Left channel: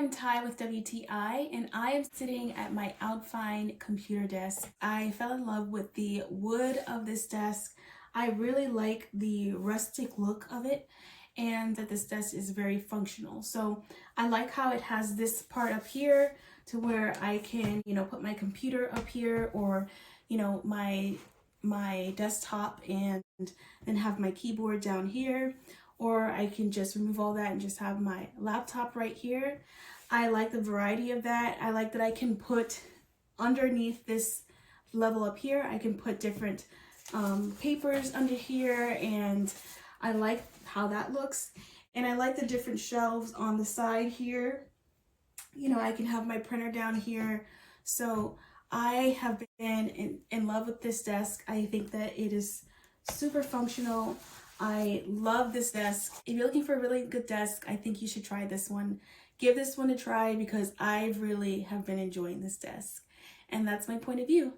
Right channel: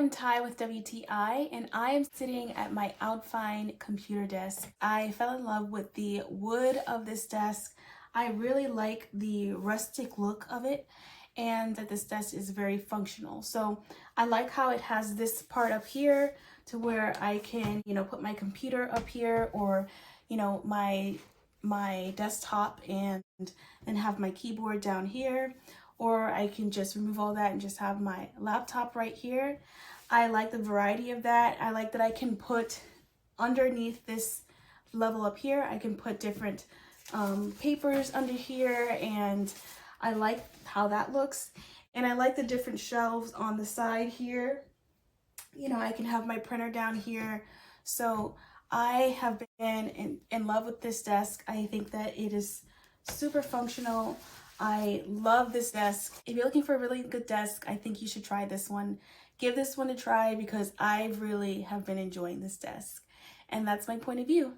am Ty with WTI, and I am sitting at my OUTFINE computer desk. I fell in love with the wood of this desk. I really like the rustic look of it, and that this desk is very functional. So I like how it has this part up here to where I can, put my computer up here, or, my desktop, and then have my keyboard down here. Or I can just remove all that and just have my laptop right here. I like the variety of that. I like that I can put underneath this level up here, I can put different papers under here, and I like how that looks. And I like the different shelves on the side here. I can have my printer down here. So I have been in love with this desk. I think that it is super functional. I love this desk. If you're looking for a really good desk, I think you should try this one. Give this one a try because I really have been enjoying this desk. And that's my point of view.